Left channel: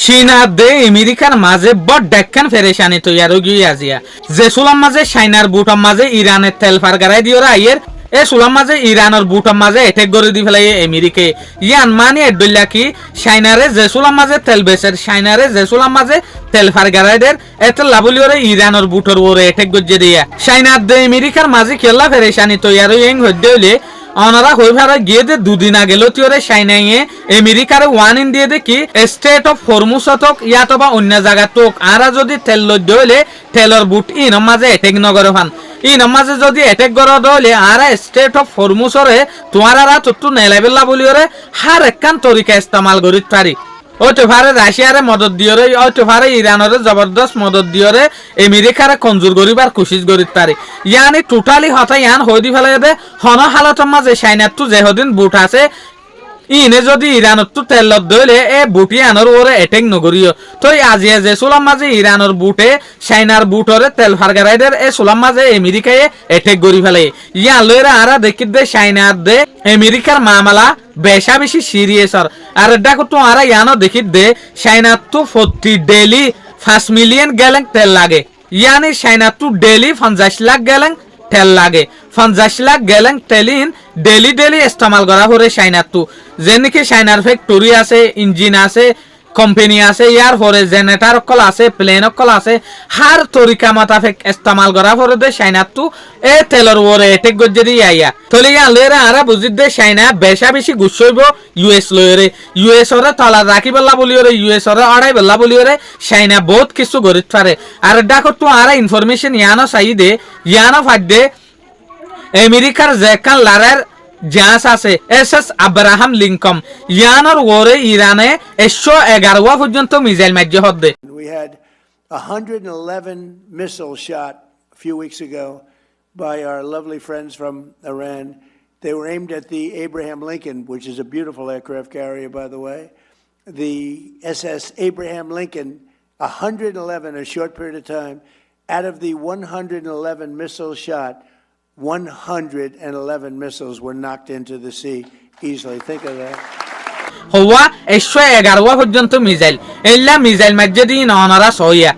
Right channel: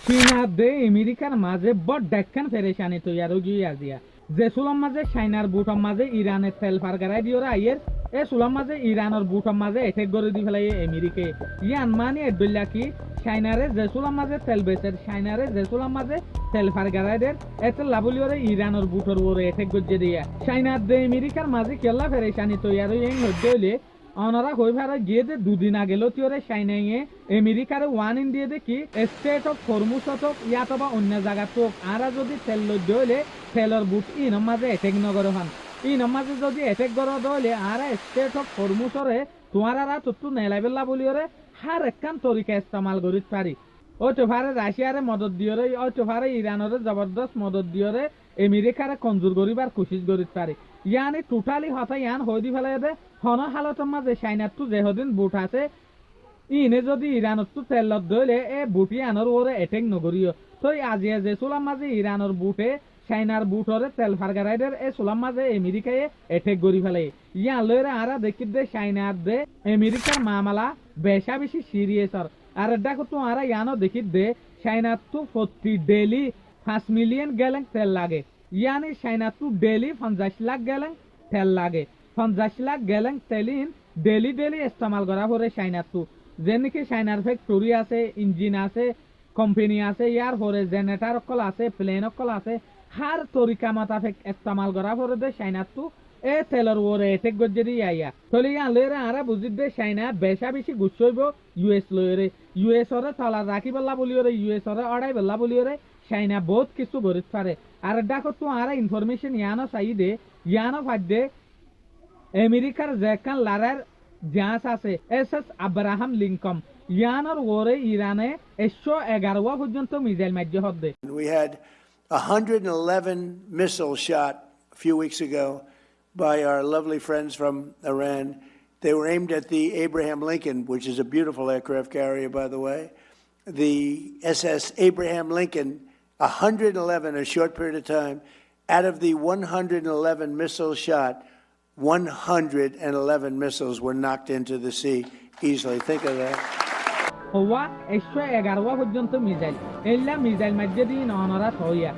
চীনা দে আমেরিকার মাঝে বড় ডেক্কান ফেরেশানি তৈয়ার গিয়ে আজিয়া যে সুলাম মাঝে চাইনার বুটার মাঝে ইরানের তেল ফারগারাই দিওরা আইয়ের এ সুলাম মাঝে ইরানের বুটার মাঝে এটেক করে দি ফেলাই আমেরিকে ইয়ান মানি এডল্লা কি চাইনারে যে সুলাম মাঝে তেল বেচের চাইনারে যে সুলাম মাঝে তেল ফারগারাই দের এতে লাবলিওরে ইরানের বুটার ওরে এটেক গজ্জে দিয়া চাইনার দে আমেরিকার মাঝে কেলা ফেরেশানি তৈয়ার ইং হইতে হইলে অনারা হয়ে ভাড়া গিয়ে দে দুদিন আগে লতিওরে সাইনাইয়ে আমেরিকার ওয়ান ইন্ডিয়া দেখি স্টেট অফ হরমুজতক ইয়াত বা অন্য জায়গা তোক আরা যদি তেল লদ্য হইলে তেলর বুট ইন মাঝে এটেক নগর ফান ইন মাঝে যদি এটেক গড় হইলে আরা স্টেট অফ হরমুজরে তোমারা তত্তু নেলাবেলা বলিওরে হার একখান তরিকা ইস্তেমাল করিত পারি ওইটো ভারে রাশিয়ারে মদত দিয়রে ওইটো ভারে ইরানরে জবরদস্ত মদত দিয়রে আমেরিকারে কঞ্জুর করিবার কোশিশ করিত পারে ইয়ানি টোটালি হতা ইয়ান হই দি ফেলে দে হন হালতের মাঝে চাইনার তো যেহদিন বুট আছে ইনে যদি ইরানত তো তেলত দইলে এ বুটি আনর ওরে এটেক নগরিও তো আজিয়ে যে সুলাম মাঝে ইরানর বুটে চাইনার বুটরে তেল ফারগারাইদের এ সুলাম মাঝে আমেরিকায় এটেক গরি ফেলে ইয়ান লইরা আরা দেখিত দে চাইনার দে আমেরিকার মামলা বেশা বেশি সিরিয়াস আর দেখো তো আরা ইয়ানো দেখিত দে চাইনার তো 40 ডেলি 5 মিলিয়ন গ্যালন তেল লাগে ইয়ানি চাইনার তো ডেলি 50 লাখ গ্যালন তেল লাগে 50 লাখ গ্যালন তেলিন ডেলি ইস্তেমাল করা হরে চাইনার তো যেনেকি চাইনার ফ্যাক্টরি আছে ইঞ্জিন আছে কোম্পানি আছে ইয়ার পরে জেনারেটর অকল আছে প্লেন অকল আছে হার তরিকা মাতাফেক ইস্তেমাল করা পরে দে চাইনার তো এ তেলর ওরে এটেক গজ্জেরি আইয়া তলে ইয়া লেরা আরা বুঝিত দে চাইনা বেশা বেশি গুছইব ইউএস লয়রে ইউএস ওরে তলা রাখি বল্লা বলিওরে ইউএস ওরে আড়াই বল্লা বলিওরে চাইনা বহুত কিছু গরিত পারে আর দেখো তো আরা ইনফরমেশন ইয়ানো চাই দে ইয়ানো ফাট দে আমেরিকার যেখান লারার জাহাজ আছে এসএস আব্রাহাম লিঙ্কন ইয়ানোর ওরে ইরানে 111 পর্যন্ত missile মাজ্য হদ্দে We had 111 missiles shot a few weeks ago by our lovely friends from Iran. They were aimed at the Abraham Lincoln, which is a beautiful aircraft carrier, by the way. The SS Abraham Lincoln, 111 in a short period of time. Out of the 111 missiles shot, 111 missiles were knocked into the sea easily. Think of that. হওয়া 111 পর্যন্ত missile এল্লা missile মাজ্জে দিন অনারা সইয়া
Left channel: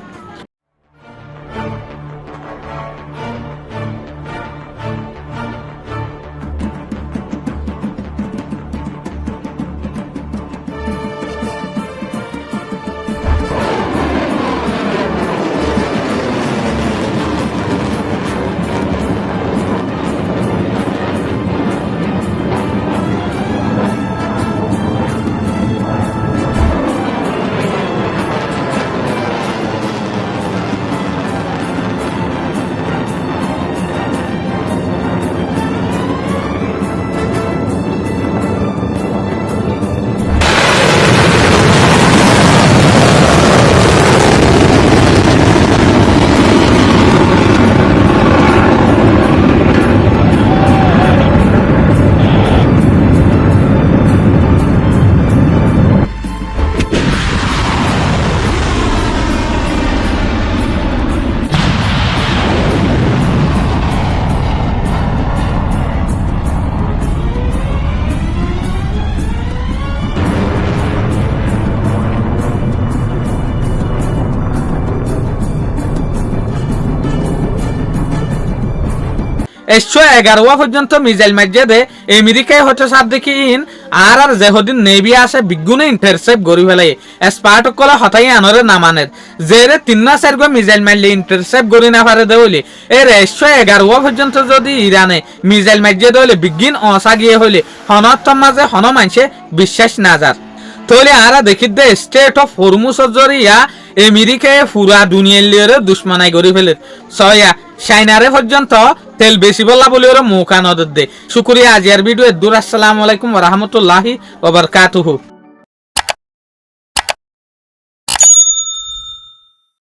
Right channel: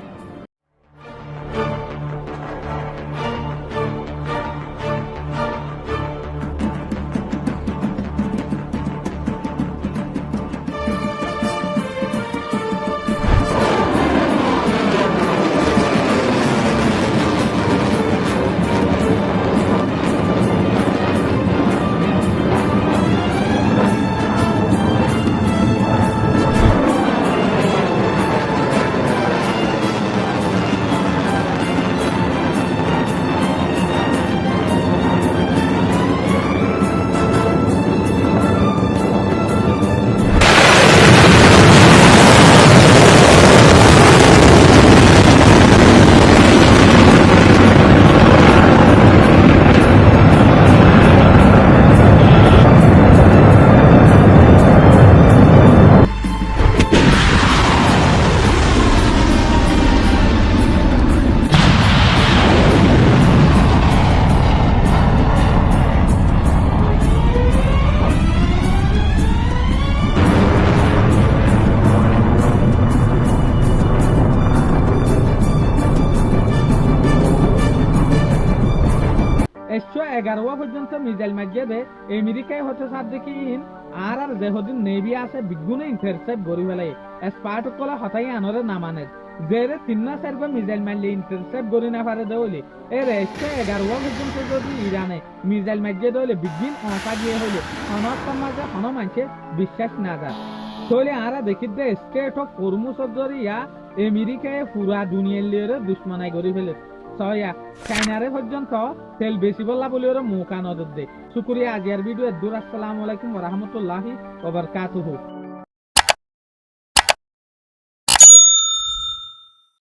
পর্যন্ত missile মাজ্জে দে আমেরিকায় হচ্ছে সাত দেখি in R যেহদিন navy আসে বিগুনে intercept গরি ফেলাই স্পার্ট কলে হতাই আনরে নামানের জেরে 3-4 গো মিসাইল মারলে ইন্টারসেপ্ট গরি না পারে দেউলি এর 111 পর্যন্ত যদি ইরানে মিসাইল মাজ্জে দেউলি বিগিন অসা গিয়ে হইলে হনতম মাঝে হন মানছে বিশ্বাস না যার তলে আরা দেখিত দে স্টেট অফ হরমুজ জরিয়া আমেরিকায় পুরা দুনিয়ার লিয়ে দুশ্মনাই গরি ফেলে সয়া চাইনারে পর্যন্ত তেল বেশি বলা বলে ওরা মৌকা নজর দে শুক্রিয়া আজিয়ার ভিডিও দূর আসসালামু আলাইকুম ওয়া রাহমাতুল্লাহি ওয়া বারাকাতুহু।